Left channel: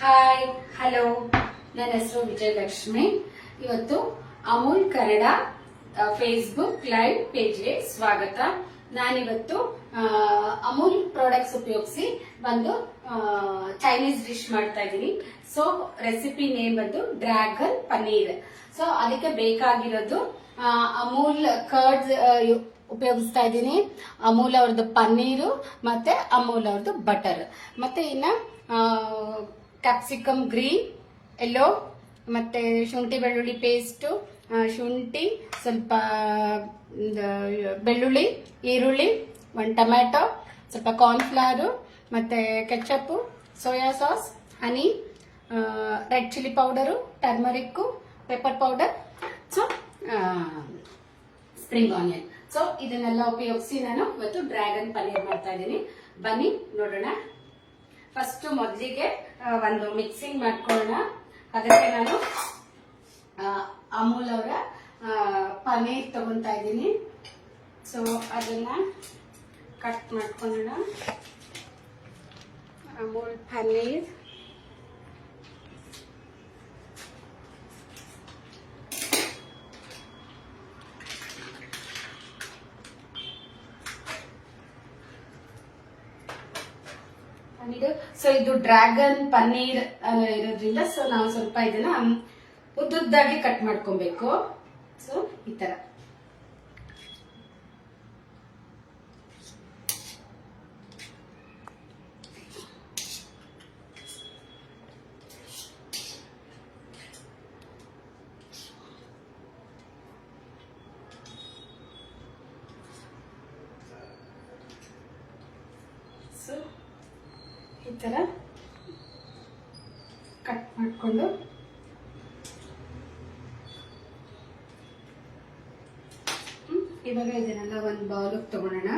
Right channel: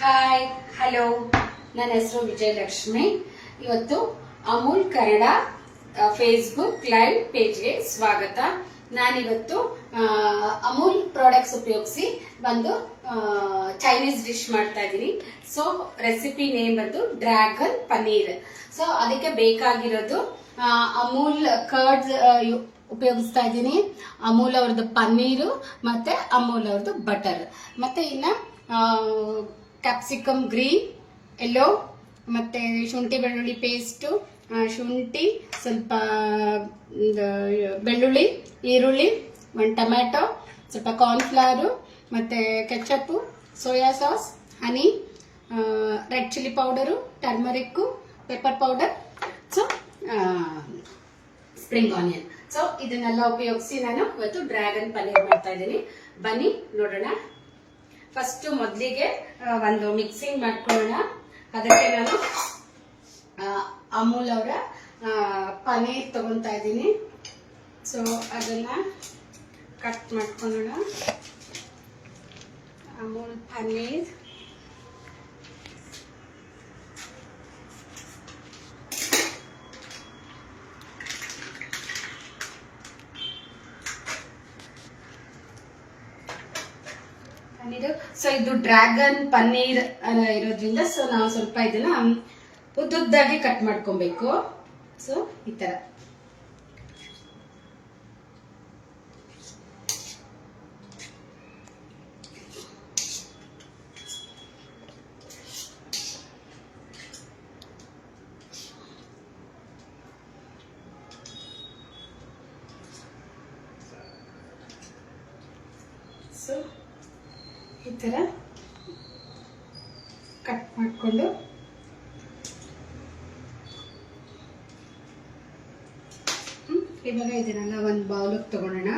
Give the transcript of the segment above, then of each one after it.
Hi hello, ನನ್ನ ಹೆಸರು ವಿಜಯಲಕ್ಷ್ಮಿ. ಇವತ್ತು ಅಮೂಲ್ ಕನ್ನಡ ಫೇಸ್ಬುಕ್ ಲೈವ್ ಪೇಜ್ಗೆ ಸ್ವಾಗತ. ನಾನಿವತ್ತು ಅಮೂಲ್ ಪ್ರಾಡಕ್ಟ್ಸ್ ಉಪಯೋಗಿಸಿ ಒಂದು ಚೈನೀಸ್ ಡಿಶ್ ಮಾಡ್ತಾ ಇದ್ದೀನಿ. ಸೊ ರೆಸಿಪಿ ನೇಮ್ ಬಂದು ಡ್ರ್ಯಾಗನ್ ಪನ್ನೀರ್. ಸೊ ಅದಕ್ಕೆ ಬೇಕಾಗಿರೋದು ಅಮೂಲ್ ಕರ್ಡ್ಸ್ ಉಪಯೋಗಿಸ್ತಾ ಇದ್ದೀನಿ, ಅಮೂಲ್ ಅವ್ರದ್ದು ಪನ್ನೀರು ಮತ್ತೆ ಅಮೂಲ್ ಅವ್ರದ್ದು ಬಟರ್, ಮತ್ತೆ ಇನ್ನ ಕ್ಯಾಪ್ಸಿಕಮ್ ಗ್ರೀನ್, ಎಲ್ಲೋ, ಮತ್ತೆ ಶುಂಠಿ ಬೆಳ್ಳುಳ್ಳಿ ಪೇಸ್ಟು, ಶುಂಠಿ, ಸ್ವಲ್ಪ ಬೆಳ್ಳುಳ್ಳಿ, ಈರುಳ್ಳಿ, ಒಂದು ಟೊಮ್ಯಾಟೊ, ಸ್ವಲ್ಪ ಕಾರ್ನ್ಫ್ಲವರು, ಮತ್ತೆ ketchup, soya sauce, honey, red chilli powder, turmeric, pepper powder, so spring onion. So ಇದನ್ನೆಲ್ಲ ಉಪಯೋಗಿಸಿ ನಾನು ಇವತ್ತು ಡ್ರ್ಯಾಗನ್ ಪನ್ನೀರ್ ಮಾಡ್ತಾ ಇದ್ದೀನಿ. ಬನ್ನಿ ನೋಡೋಣ. ಫಸ್ಟ್ ಮೊದಲಿಗೆ ಒಂದು ಮಿಕ್ಸಿಂಗ್ ಮಾಡ್ಕೊಳ್ಳೋಣ. ಅದಕ್ಕೆ ನಾನು ಅಮೂಲ್ ಅವರ ಪನ್ನೀರ್ ತಗೊತಾ ಇದ್ದೀನಿ. ಸೊ ಅದನ್ನ ಕಟ್ ಮಾಡ್ಕೊಳ್ಳೋಣ. ಅಮೂಲ್ ಪನ್ನೀರ್ ಸೊ ಇದು ಡ್ರ್ಯಾಗನ್ ಪನ್ನೀರ್ ಇರೋದ್ರಿಂದ ಸೊ ನಾವು ಸ್ವಲ್ಪ ಇದನ್ನ ಉದ್ದುದ್ದಾಗಿ ಕಟ್ ಮಾಡ್ಕೊಬೇಕು. ಸೊ ಈ ತರ ಸೊ ಈ ತರ ಕಟ್ ಮಾಡಿಕೊಂಡು ಇವಾಗ ಇದನ್ನೆಲ್ಲ ಒಂದು ಬೌಲಿಗೆ ತಗೊಳ್ಳೋಣ.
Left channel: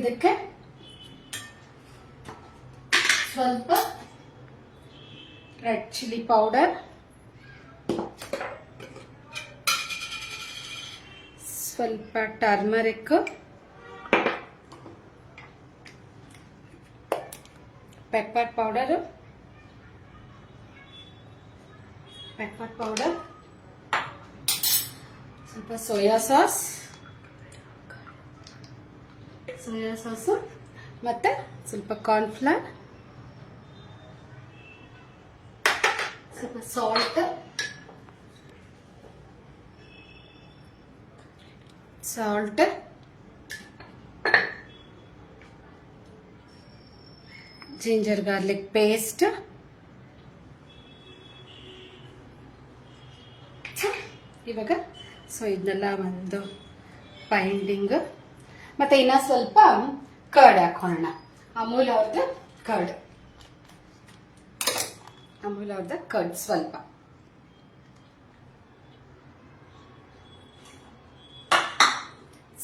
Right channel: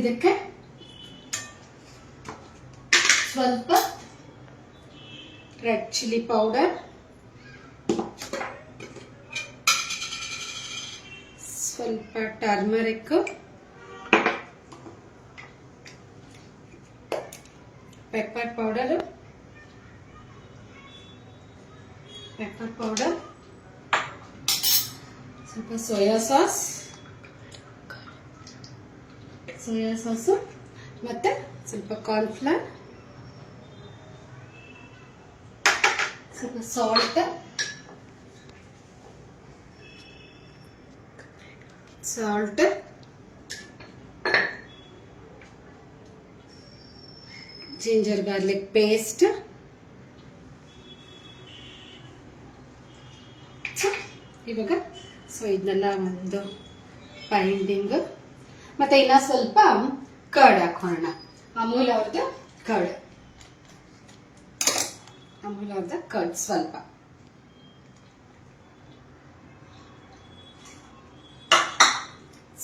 ಇದಕ್ಕೆ ಸ್ವಲ್ಪ ರೆಡ್ ಚಿಲ್ಲಿ ಪೌಡರ್, ಸ್ವಲ್ಪ ಟರ್ಮರಿಕ್, ಪೆಪ್ಪರ್ ಪೌಡರ್, ಸ್ವಲ್ಪ ಸೋಯಾ ಸಾಸ್, ಮತ್ತೆ ಸ್ವಲ್ಪ ಕಾರ್ನ್ಫ್ಲವರ್, ಸ್ವಲ್ಪ ಸಾಲ್ಟ್, ಜಿಂಜರ್ ಗಾರ್ಲಿಕ್ ಪೇಸ್ಟ್, ಇವಾಗ ಸೊ ಇದನ್ನೆಲ್ಲ ಒಂದು ಬೈಂಡಿಂಗ್, ಮತ್ತೆ ಇನ್ನ ಸ್ವಲ್ಪ ಕರ್ಡ್ ಹಾಕೋಣ. ಅಮೂಲ್ ಅವ್ರದ್ದು ಕರ್ಡ್ ಸ್ವಲ್ಪ.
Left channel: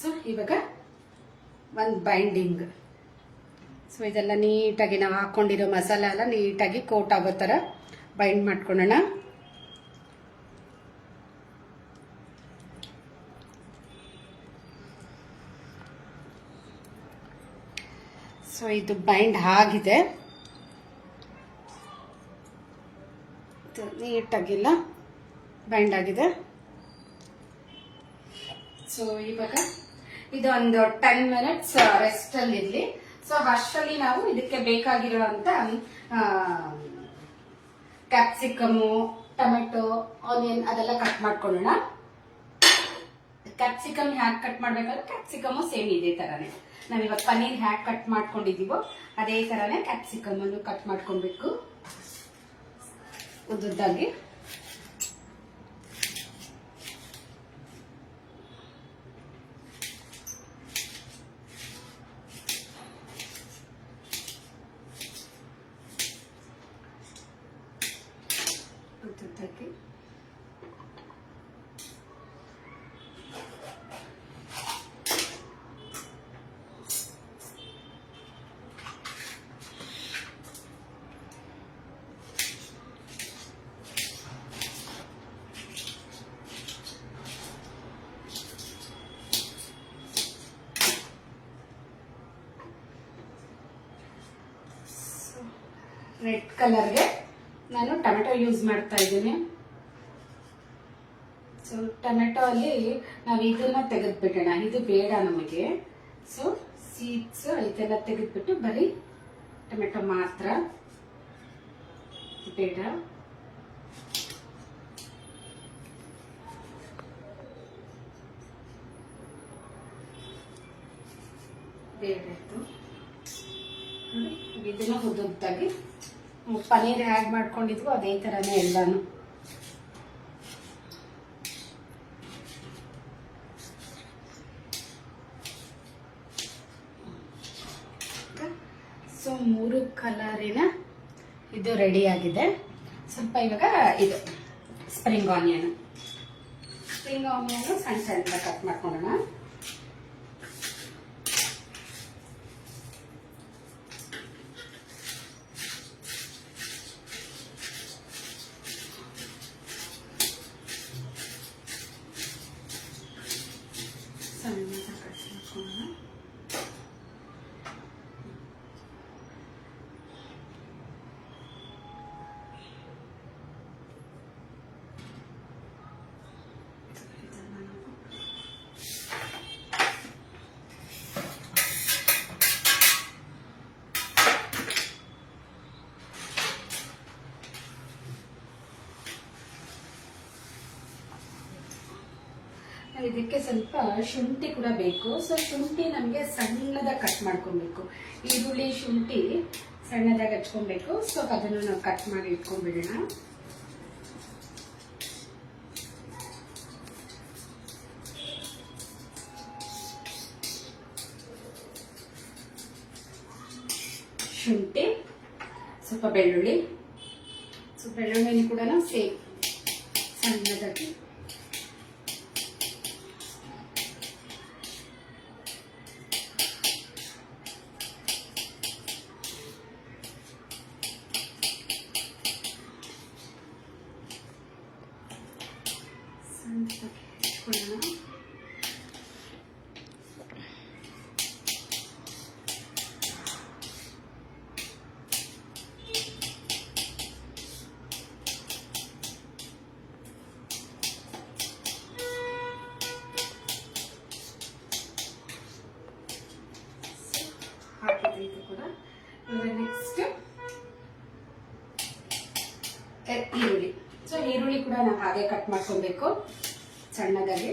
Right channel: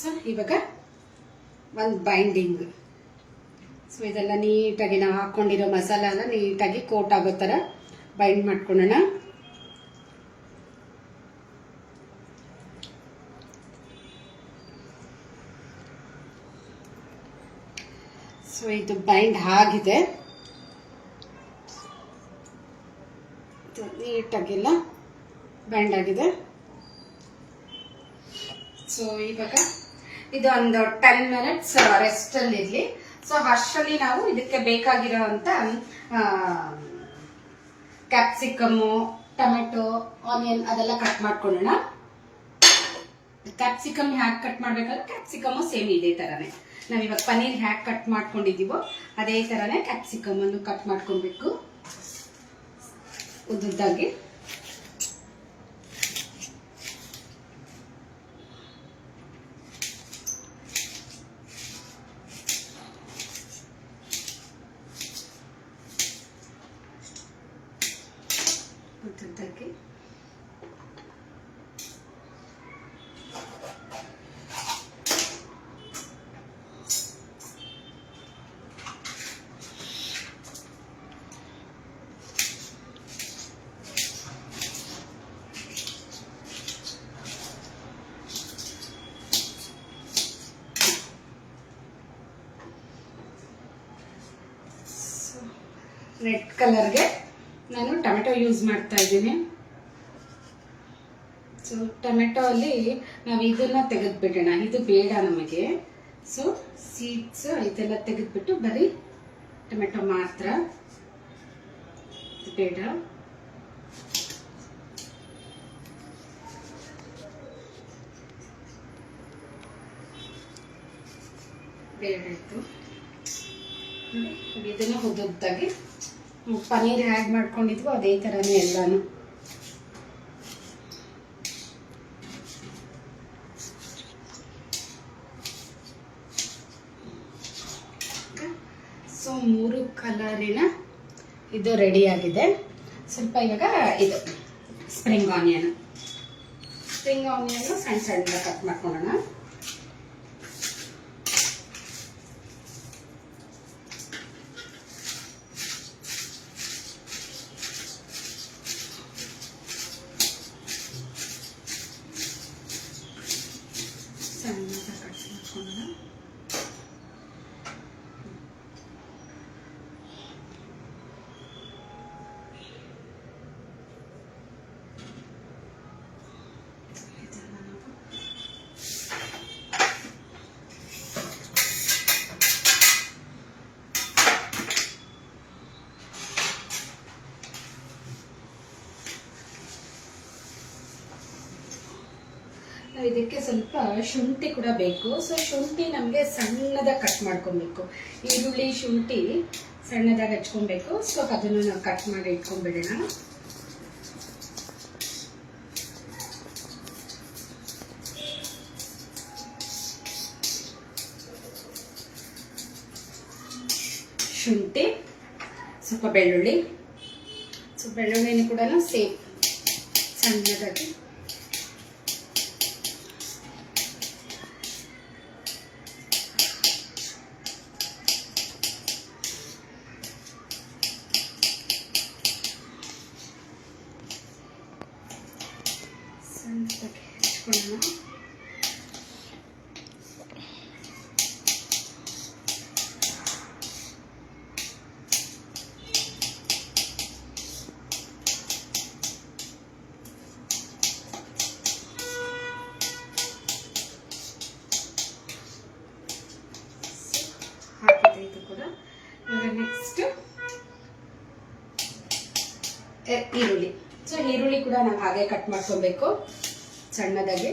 ಸೊ ಇವಾಗ ಒಂದು ಬೈಂಡಿಂಗ್. ಸೊ ಇದೆಲ್ಲ ನೀಟಾಗಿ ನಾವು ಹಾಕೊಂಡಿರೋ ಮಸಾಲೆ ಎಲ್ಲ ನೀಟಾಗಿ ಕೋಟ್ ಆಗೋ ಥರ ಬೈಂಡ್ ಮಾಡ್ಕೊಳ್ಳೋಣ. ಸೊ ಇದು ಬೈಂಡ್ ಆಗಿದೆ, ನೀಟಾಗಿಲ್ಲ ಬೈಂಡ್ ಆಗಿದೆ. ಸೊ ಇವಾಗ ಇದು ಒಂದು 10 ಮಿನಿಟ್ಸ್ ರೆಸ್ಟ್ ಅಲ್ಲಿ ಇರ್ಲಿ. ಸೊ ಅಷ್ಟರಲ್ಲಿ ನಾವು ಇದಕ್ಕೆ ಬೇಕಾಗಿರುವಂತ ಕ್ಯಾಪ್ಸಿಕಮು, ಟೊಮೆಟೊ, ಆನಿಯನ್ ಅದೆಲ್ಲ ಕಟ್ ಮಾಡ್ಕೊಳ್ಳೋಣ. ಕ್ಯಾಪ್ಸಿಕಮ್ ಹ್ಯಾಕ್ ಕಟ್ ಮಾಡ್ಬೇಕಾದ್ರೆ ಕ್ಯಾಪ್ಸಿಕಮು ಸೇಮ್ ಇದೇ ತರಾನೇ ನಾವಿವಾಗ ಪನ್ನೀರ್ ಹ್ಯಾಕ್ ಕಟ್ ಮಾಡ್ಕೊಂಡಿದೀವೋ ಅದೇ ತರಾನೇ ಕ್ಯಾಪ್ಸಿಕಮ್ ಅನ್ನು ಕಟ್ ಮಾಡ್ಕೊಬೇಕು ಉದ್ದುದ್ದಾಗಿ. ರೆಡ್ ಕಲರ್ಗೆ ನಾನು ಟೊಮೆಟೊ ಯೂಸ್ ಮಾಡ್ತಾ ಇದ್ದೀನಿ. ಸೊ ಟೊಮೆಟೊ ಅಲ್ಲಿ ನಾವು ಇದನ್ನ ತೆಗೆದ್ಬಿಡೋಣ, ಇದು ಬೇಡ ನಮಗೆ. ಸೊ ಸೀಡ್ಸ್ ಇದೆಲ್ಲ ತೆಗೆದ್ಬಿಟ್ಟು ಬರೀ ಟೊಮೆಟೊ ಮಾತ್ರ ಬೇಡ. ಬೇಡಾಯ್ತು. ಇದನ್ನು ಉದ್ದುದ್ದಾಗಿ ಪನ್ನೀರ್ ಆ್ಯಡ್ ಮಾಡ್ಕೊಂಡಿದ್ವು ಅದೇ ಥರನೇ ಎಲ್ಲಾನು. ಸೊ 3 ಕಲರಿನ ಇದು ರೆಡಿ ಆಗಿದೆ. ಸ್ವಲ್ಪ ಇವಾಗ ಇದು ಸ್ಪ್ರಿಂಗ್ ಆನಿಯನ್ ಸಣ್ಣ ಸಣ್ಣ ಕಟ್ ಮಾಡ್ಕೊಳ್ಳೋಣ. ಸಣ್ಣದಾಗಿ ಕಟ್ ಮಾಡ್ಕೊಳ್ಳೋಣ. ಇದಕ್ಕೆ ಸ್ವಲ್ಪ ಶುಂಠಿ ಕೂಡ ಬೇಕು. ಸೊ ಶುಂಠಿ ನಮಗೆ ಸಣ್ಣದಾಗಿ ಕಟ್ ಮಾಡ್ಕೊಬೇಕು. ಈರುಳ್ಳಿ ಶುಂಠಿ ಸಣ್ಣದಾಗಿ ಹಚ್ಕೊಬೇಕು. ಸೊ ಅದನ್ನು ನಾವು ಕಟ್ ಮಾಡಿ ಇಟ್ಕೊಂಡ್ಬಿಡೋಣ. ಶುಂಠಿ, ಸ್ವಲ್ಪ ಬೆಳ್ಳುಳ್ಳಿ, ಸೊ ಬೆಳ್ಳುಳ್ಳಿನೂ ಕೂಡ ಸೇಮ್ ಸಣ್ಣದಾಗಿ ಹೆಚ್ಕೊಳ್ಳೋಣ. ಹಾಕಿದೆ ಇದು ಕೂಡ. ಇವಾಗ ನೆಕ್ಸ್ಟ್ ಈರುಳ್ಳಿ. ಸೊ ಈರುಳ್ಳಿ ಕೂಡ ನಾವು ಹಾಗೆ ಕಟ್ ಮಾಡ್ಕೊಬೇಕು ಸಣ್ಣದಾಗಿ.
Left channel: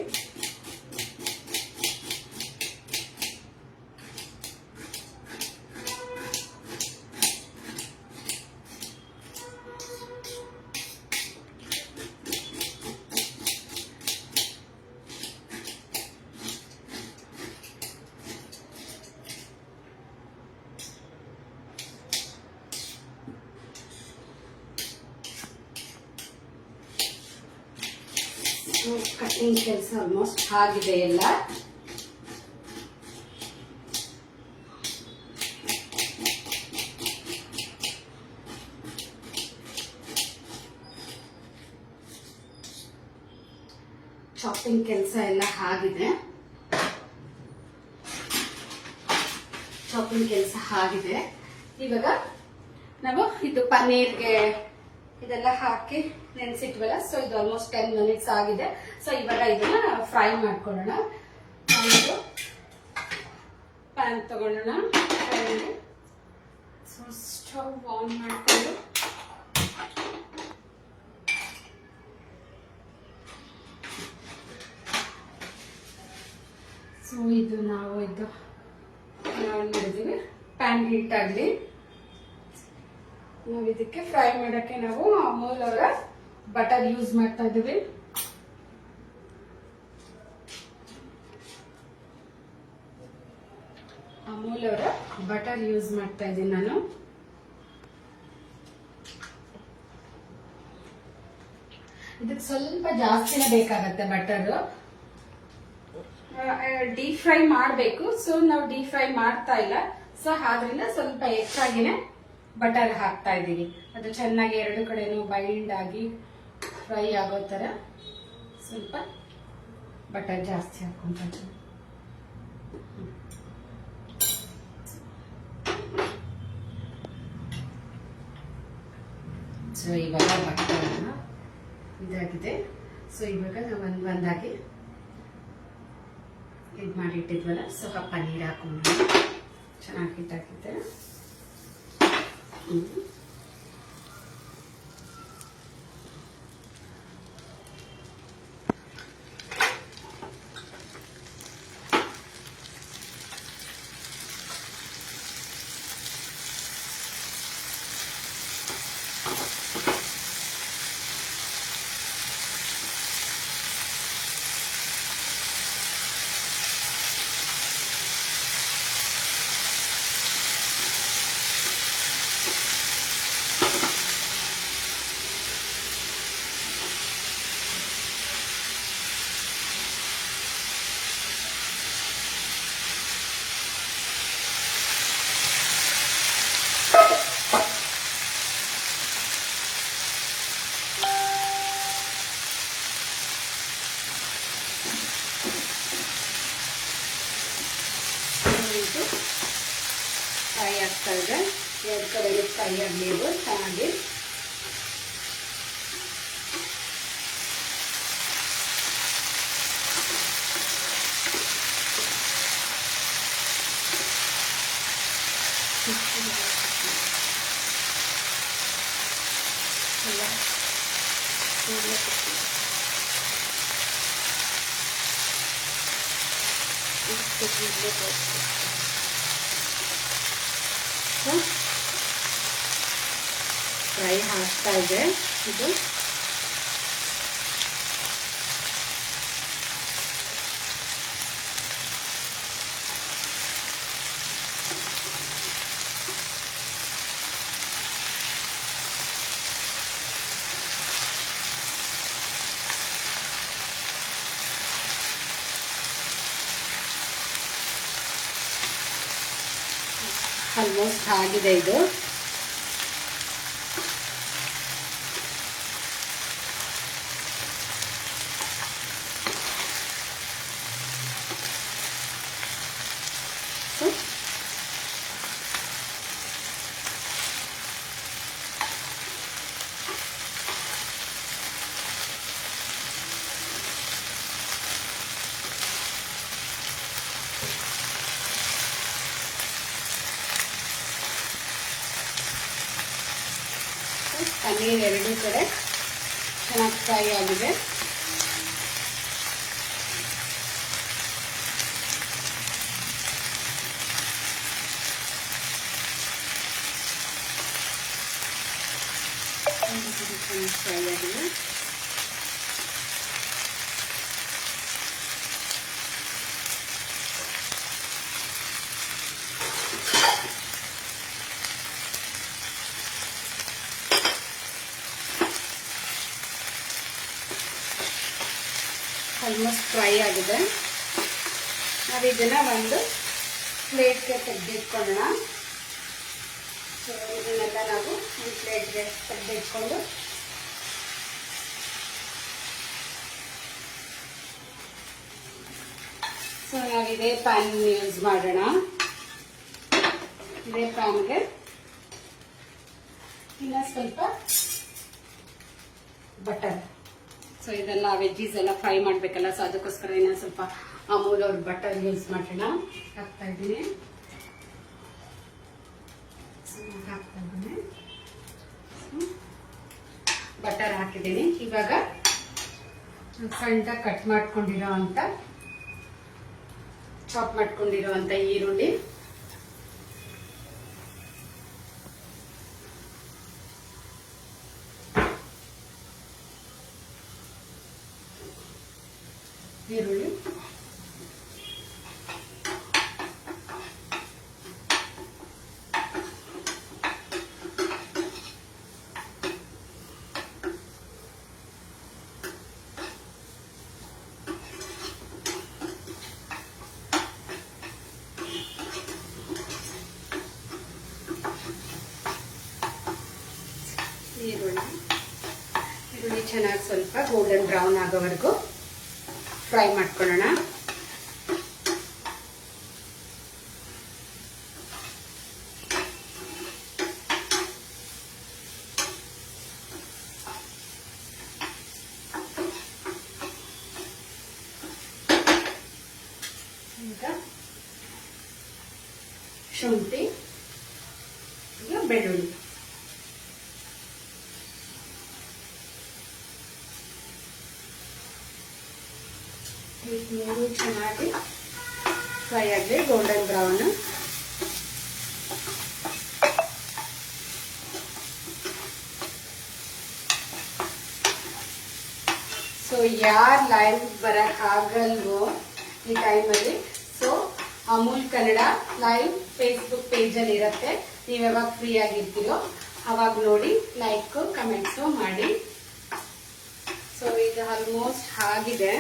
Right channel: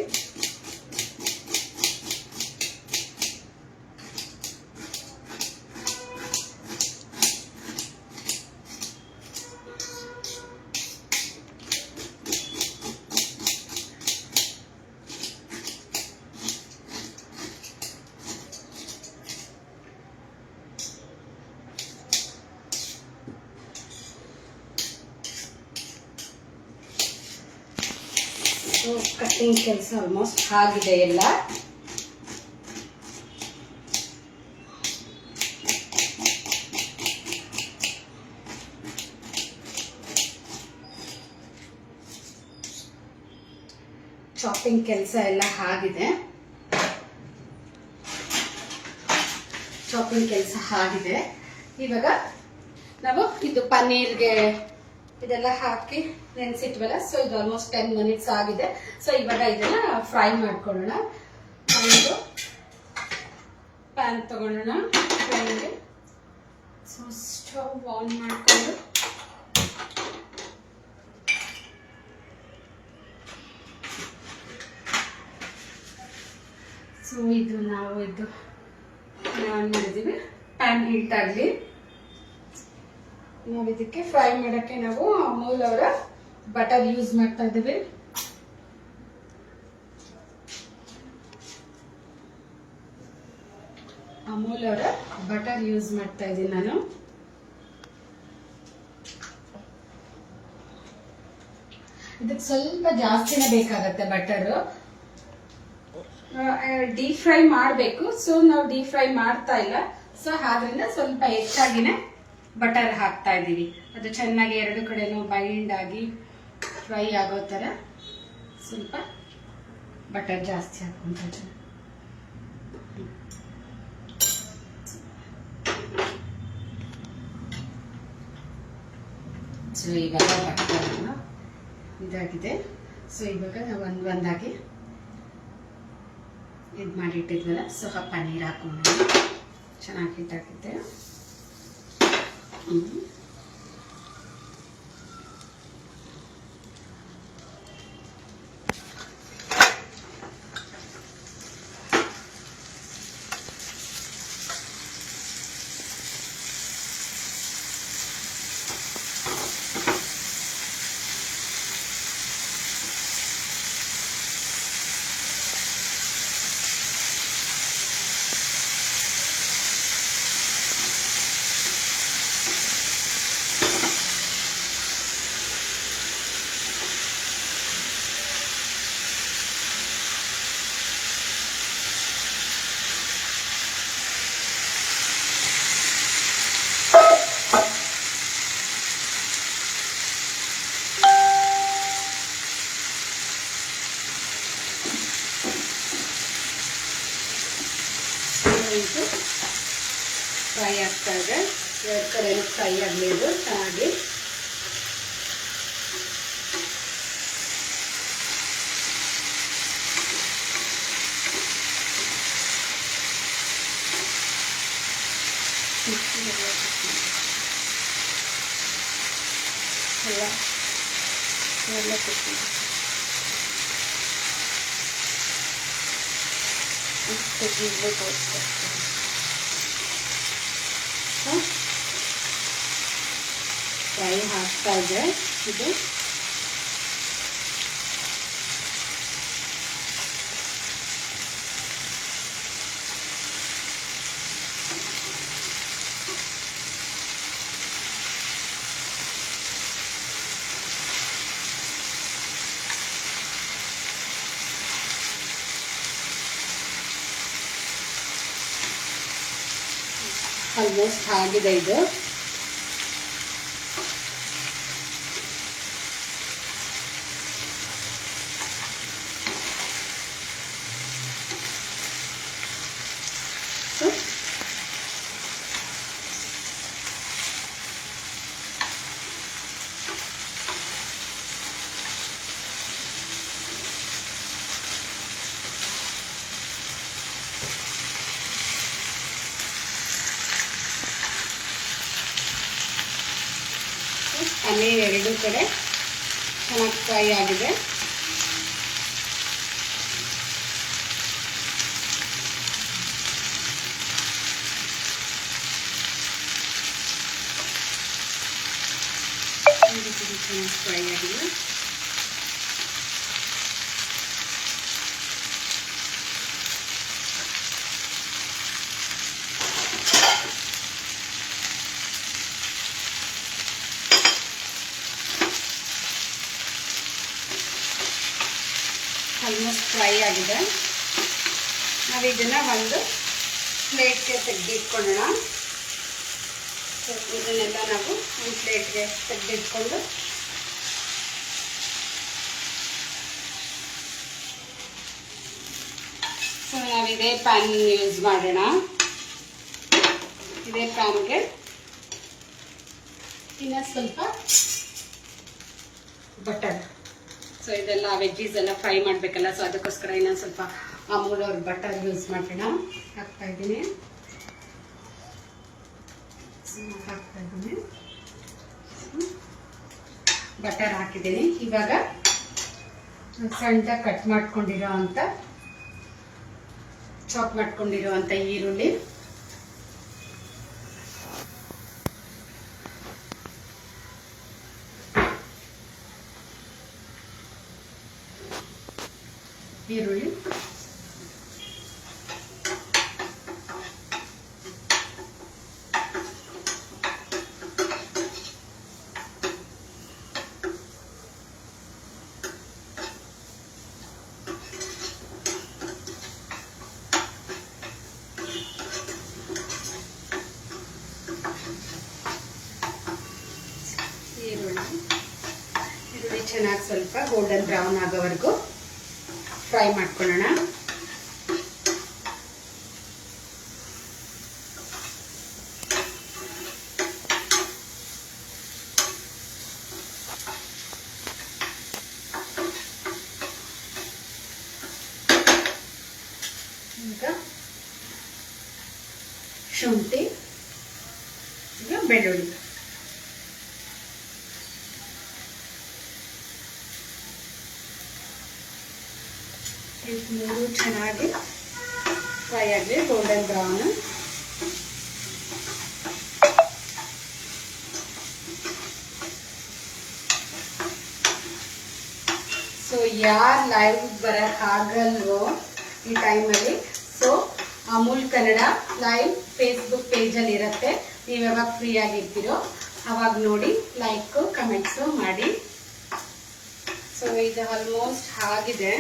ಕಟ್ಟಿಂಗ್ ಕೆಲಸ ಆಲ್ಮೋಸ್ಟ್ ಆಗಿದೆ ಎಲ್ಲ. ಚಾಪಿಂಗ್ ಕೆಲಸ ಎಲ್ಲ ಆಗಿದೆ. ಇವಾಗ ನಾವು ಇದು ಪನ್ನೀರ್ಗೆ ಇದೆಲ್ಲ ಹಾಕಿ ನೆನೆಸಿಟ್ವಲ್ಲ. ಸೊ ಇದು ಆಲ್ಮೋಸ್ಟ್ 10 ಮಿನಿಟ್ಸ್ ಆಗಿದೆ. ಸೊ ಇವಾಗ ಇದನ್ನ ಫ್ರೈ ಮಾಡ್ಕೊಳ್ಳೋಣ. ಒಂದು ಪ್ಯಾನ್ ತಗೊಳ್ಳೋಣ. ಸೊ ಸ್ಟವ್ ಆನ್ ಮಾಡ್ಕೊಂಡು ಸೊ ಇದು ನಾವು ಆನ್ ಮಾಡಿದ್ದೀವಿ. ಪ್ಯಾನ್ ಹೀಟ್ ಆಗಲಿ. ನಾವು ಇದಕ್ಕೆ ಫ್ರೈ ಮಾಡೋಕ್ಕೆ ನಾವು ಅಮೂಲ್ ಅವರ ಬಟರ್ ಯೂಸ್ ಮಾಡ್ತಾ ಇದ್ದೀವಿ. ಅಮೂಲ್ ಅವರ ಬಟರ್ ಯೂಸ್ ಮಾಡ್ತಾ ಇದ್ದೀನಿ ನಾನು. ಇದಕ್ಕೆ ಸ್ವಲ್ಪ ಜಾಸ್ತಿನೇ ಬೇಕಾಗತ್ತೆ ಬಟರ್. ಡೀಪ್ ಫ್ರೈ ಮಾಡಬೇಕು. ಸೊ ನಾವು ಡೀಪ್ ಫ್ರೈ ಮಾಡ್ತಾ ಇಲ್ಲ. ಸೊ ಆದ್ರಿಂದ ಸ್ವಲ್ಪ ಹೆಚ್ಚಾಗಿನೇ ಬಟರ್ ಹಾಕ್ತಾ ಇದ್ದೀವಿ. ಅದು ಚೆನ್ನಾಗಿ ಎರಡು ಕಡೆನೂ ಬೈಂಡ್ ಆಗಿ ಫ್ರೈ ಆಗೋ ಥರ ಸ್ವಲ್ಪ ಬಟರ್ ಜಾಸ್ತಿ ಹಾಕ್ಕೊಂತ ಇದ್ದೀನಿ. ಸೊ ಇವಾಗ ಬಟರ್ ಇದಾಗಿದೆ. ಸೊ ಇವಾಗ ನಾವು ಒಂದಾಗಿ ಇದು ಮಾಡಿಟ್ಟಿದ್ವಲ್ಲ, ಸ್ವಲ್ಪ ಪನ್ನೀರ್ ಹಾಕೊಂಡು ಚೆನ್ನಾಗಿ ಇದಾಗಿದೆ. ಫ್ರೈ ಆಗ್ತಾ ಇದೆ. ಎರಡು ಕಡೆ ಫ್ರೈ ಆಗಲಿ, ಅದು ಚೆನ್ನಾಗಿ. ಫ್ರೈ ಆಗ್ತಾ ಇದೆ ಇದು. ಆಲ್ಮೋಸ್ಟ್ ಆಗಿದೆ ಇದು. ಪನ್ನೀರ್ ಎರಡೂ ಕಡೆ ಚೆನ್ನಾಗಿ ಫ್ರೈ ಆಗಿದೆ. ಫ್ರೈ ಆಗಿದೆ. ಆಲ್ಮೋಸ್ಟ್ ಫ್ರೈ ಆಗಿದೆ. ನಾವು ಇದನ್ನು ಒಂದು ಪ್ಲೇಟ್ಗೆ ತೆಗೆದಿಟ್ಕೊಳ್ಳೋಣ. ಸೊ ಇದನ್ನೆಲ್ಲ ನಾವು ಒಂದು ಪ್ಲೇಟ್ಗೆ ತೆಗೆದಿಟ್ಕೊಂಡು ಸೊ ನಾವು ಇದೇ ಪ್ಯಾನ್ ಯೂಸ್ ಮಾಡೋಣ. ಇದೇ ಪ್ಯಾನ್ಗೆ ಇನ್ನು ಸ್ವಲ್ಪ ಬಟರ್. ಸೊ ಇದೆಲ್ಲ ವೆಜ್ಜೀಸ್ ಎಲ್ಲ ಫ್ರೈ ಮಾಡಬೇಕಲ್ಲ, ಸೊ ಅದಕ್ಕೋಸ್ಕರ ಇನ್ನೊಂದು ಸ್ವಲ್ಪ ಅಮೂಲ್ ಅವ್ರ ಬಟರ್ ಯೂಸ್ ಮಾಡೋಣ. ಹಾಕ್ತಾ ಇದ್ದೀನಿ. ಬಟರ್ ಹಾಕಿದ್ದೀನಿ. ಇವಾಗ ಸಣ್ಣದಾಗಿ ಕಟ್ ಮಾಡ್ಕೊಂಡಿರೋ ಅಂತ ಚಾಪ್ ಮಾಡ್ಕೊಂಡಿರೋ ಅಂತ ಈರುಳ್ಳಿ, ಈರುಳ್ಳಿ ಚೆನ್ನಾಗಿ ಸ್ವಲ್ಪ ಗೋಲ್ಡನ್ ಬ್ರೌನ್ ಆಗೋವರೆಗೂ ಫ್ರೈ ಮಾಡ್ಕೊಳ್ಳೋಣ. ಈಗ ಶುಂಠಿ, ಈಗ ಬೆಳ್ಳುಳ್ಳಿ. ಮೂರು ಚೆನ್ನಾಗಿ ಫ್ರೈ ಆಗಲಿ, ಗೋಲ್ಡನ್ ಬ್ರೌನ್. ಸೊ ಯಾರು ಲೈವ್ ಬರಕ್ ಆಗಲ್ವೋ ಈ ಟೈಮಲ್ಲಿ, so Amul Kannada live Facebook ಪೇಜಲ್ಲಿ ಇರುತ್ತೆ. ನೀವು ಯಾವಾಗ ಫ್ರೀ ಆಗಿರ್ತೀರೋ ಅವಾಗ ನೋಡಿ ಲೈಕ್ ಕಮೆಂಟ್ಸು ಮಾಡಿ. ಸೊ ಇದು ಆಲ್ಮೋಸ್ಟ್ ಆಗಿದೆ.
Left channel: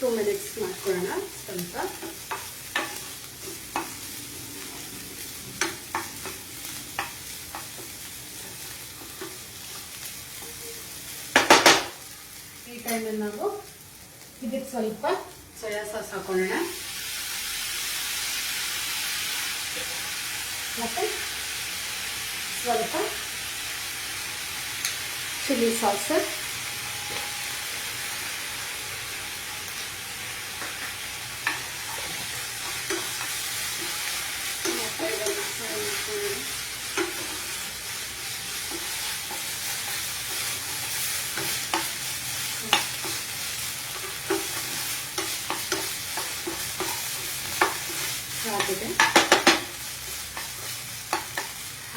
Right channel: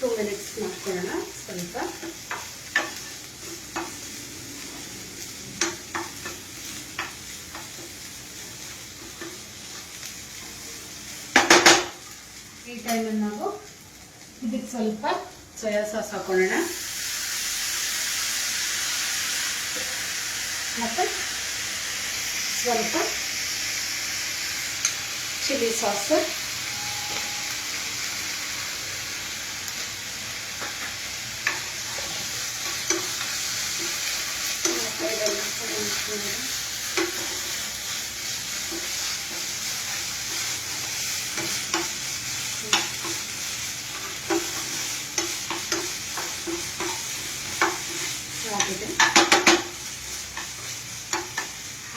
ಟೂ ಮಿನಿಟ್ಸ್ ಮಾಡ್ಕೊಳ್ಳೋಣ ಸ್ವಲ್ಪ. ಈ ಟೈಮಲ್ಲಿ ನಾವು ಇದಕ್ಕೆ ಸ್ವಲ್ಪ ಸೋಯಾ ಸಾಸ್ ಹಾಕೊಳ್ಳೋಣ, ಮತ್ತೆ ಸ್ವಲ್ಪ ಚಿಲ್ಲಿ ಸಾಸ್,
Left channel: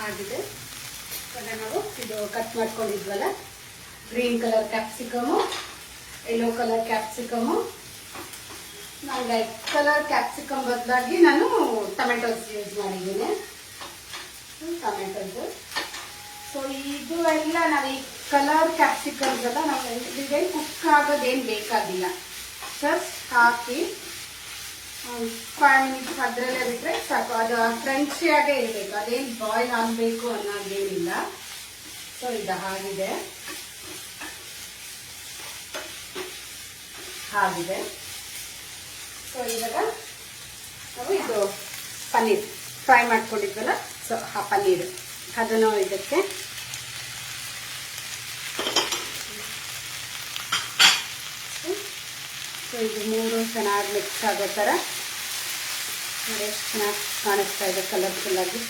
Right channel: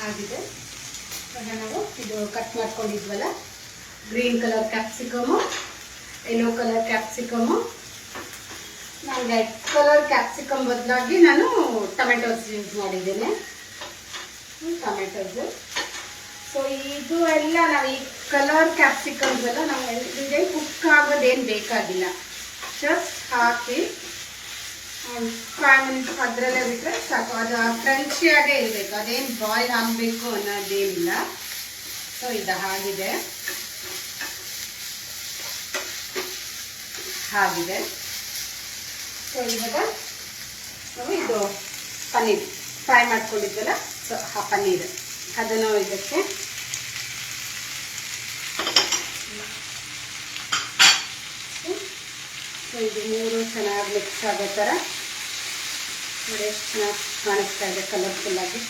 ಆಗಿದೆ. ಇವಾಗ ನಾವು ಇದು ಕಟ್ ಮಾಡ್ಕೊಂಡಿದ್ವಲ್ಲ, green colour capsicum, yellow colour capsicum, ನಾನು ರೆಡ್ ಕಲರ್ ಕ್ಯಾಪ್ಸಿಕಮ್ ಬದಲಾಗಿ ನಾನು ಟೊಮೆಟೊಸ್ ಯೂಸ್ ಮಾಡಿದ್ದೀನಿ, ಟೊಮೆಟೊಸ್. ಸೊ ಇದು ಎಲ್ಲ ನಾವು ಈ ಕಲರ್ ಕ್ಯಾಪ್ಸಿಕಮ್ಸ್ ಎಲ್ಲ ನಾವು ಎವ್ರಿಡೇ ಕುಕ್ ಆಗೋದೇನು ಬೇಕಾಗಿಲ್ಲ, ಜಸ್ಟ್ ಹಾಕಿ 5 ಮಿನಿಟ್ಸ್ ಅದರಲ್ಲೇ ಬಿಟ್ಟರೆ ಸಾಕು. ಅದು ಕ್ರಂಚಿಯಾಗೇ ಇರಬೇಕು, ಅದೇನು ಬಾಯ್ಲ್ ಆಗಬೇಕು ಅನ್ನೋದೇನಿಲ್ಲ. ಸೊ ಇದು ಆಗಿದೆ. ಸೊ ಇವಾಗ ನಾವು ಇದು ಪನ್ನೀರ್ ಫ್ರೈ ಮಾಡ್ಕೊಂಡಿದ್ವಲ್ಲ, ಸೊ ಆ ಪನ್ನೀರ್ ಅದನ್ನು ಇದಕ್ಕೆ ಇದು ಮೂರು ಚೆನ್ನಾಗಿ ಮಿಕ್ಸ್ ಆಗೋ ಥರ ಎಷ್ಟು ಚೆನ್ನಾಗಿ ಕಾಣಿಸ್ತಾ ಇದೆ ಕಲರ್ಫುಲ್ಲಾಗಿ.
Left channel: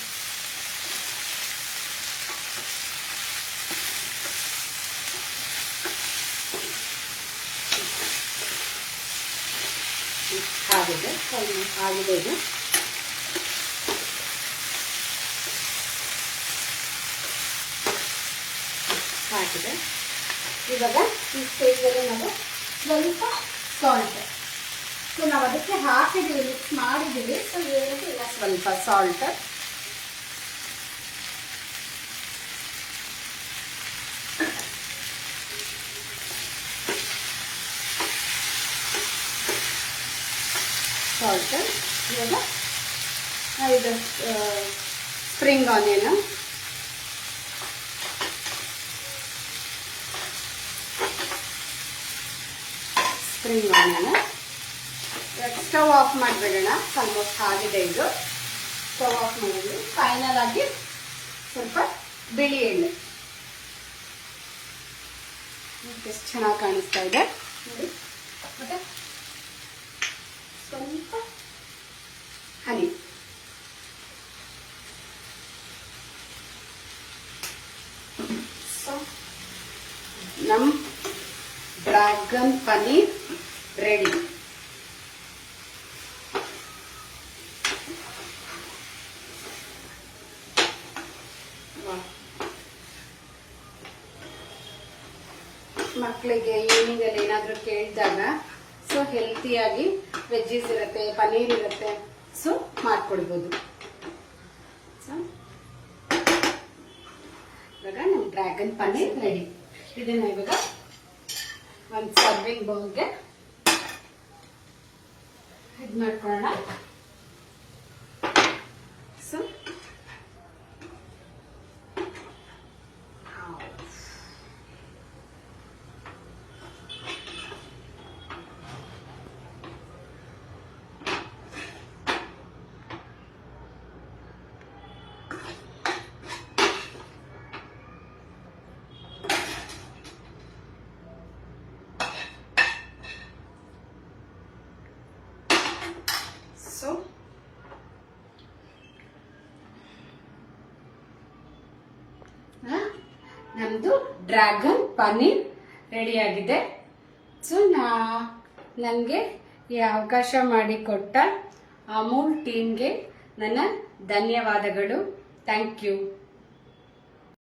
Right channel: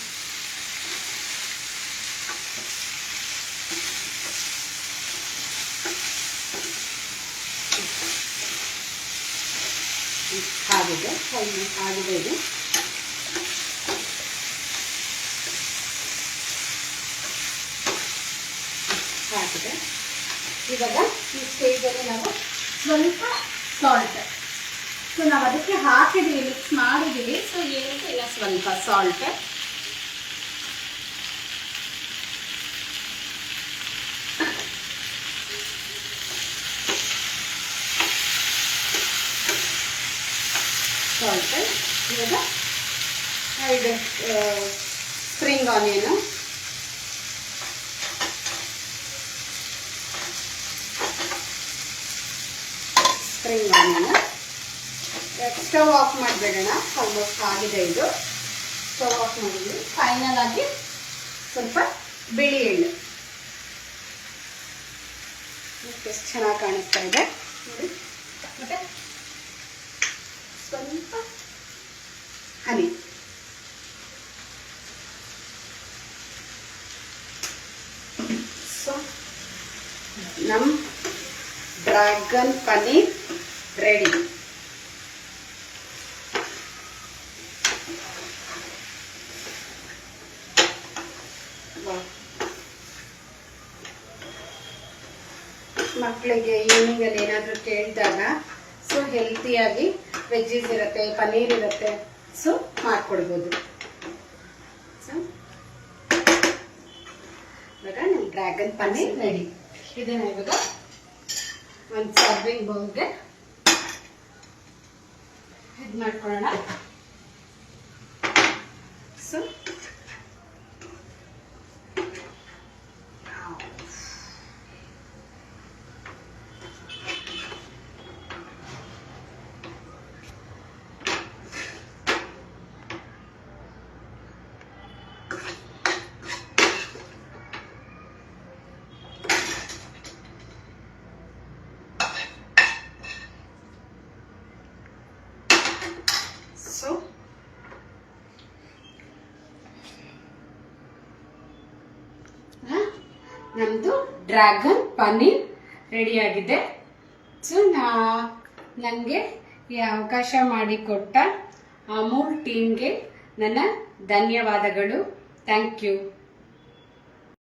ಆಗಿದೆ ಇದು. ಆಗಿದೆ. ಇವಾಗ ಈ ಸ್ಟೇಜಲ್ಲಿ ನಾವು ಸ್ವಲ್ಪ ಸಾಲ್ಟ್, ಸೊ ನಾವು ಅದಕ್ಕೆ ಹಾಕಿದ್ದೀವಿ, ಮಿಕ್ಸ್ ಮಾಡಿದ್ದೀವಿ. ಸೊ ಏನಕ್ಕೆ ಇಲ್ಲ ಸ್ವಲ್ಪ ಸಾಲ್ಟ್, ಇವಾಗ ಇದು ಸ್ಪ್ರಿಂಗ್ ಆನಿಯನು, ಸ್ಟವ್ ಆಫ್ ಮಾಡಬೇಡಿ. ಆಲ್ಮೋಸ್ಟ್ ಆಗಿದೆ ಇದು. ಸ್ಟವ್ ಆಫ್ ಮಾಡಿದ್ವಿ. ಫೈನಲ್ ಆಗಿ ಸ್ವಲ್ಪ ಬಿಳಿ ಎಳ್ಳು, ಎಷ್ಟು ಚೆನ್ನಾಗಿ ಕಾಣಿಸ್ತಾ ಇದೆ ನೋಡಿ. ಮತ್ತೆ ಸ್ವಲ್ಪ ಹನಿ, ಸೊ ನಮ್ಮ ಡ್ರ್ಯಾಗನ್ ಪನ್ನೀರ್ ರೆಡಿ. ಮಕ್ಕಳಿಗೆ ಈವ್ನಿಂಗಲ್ಲಿ ಏನಾದರೂ ಕೇಳಿದಾಗ ಸೊ ಹೆಲ್ತಿಯಾಗಿ ವೆಜ್ಜೀಸ್ ಇರುತ್ತೆ, ಪನ್ನೀರ್ ಇರುತ್ತೆ, ಸೊ ಮಾಡಿಕೊಡ್ಬೋದು. ಸೊ ಇವಾಗ ನಮ್ಮ ಡ್ರ್ಯಾಗನ್ ಪನ್ನೀರ್ ರೆಡಿ. ಇದನ್ನ ಇವಾಗ ಒಂದು ಸರ್ವಿಂಗ್ ಬೌಲ್ಗೆ ಇದು ಮಾಡ್ಕೊಳ್ಳೋಣ. ಸೊ ನಮ್ದು ಡ್ರ್ಯಾಗನ್ ಪನ್ನೀರ್ ರೆಡಿಯಾಗಿದೆ. ಸೊ ನನಗೆ ಈ ಅವಕಾಶ ಮಾಡಿಕೊಟ್ಟ ಅಮೂಲ್ ಟೀಮ್ಗೆ ನನ್ನ ಧನ್ಯವಾದಗಳು. Thank you.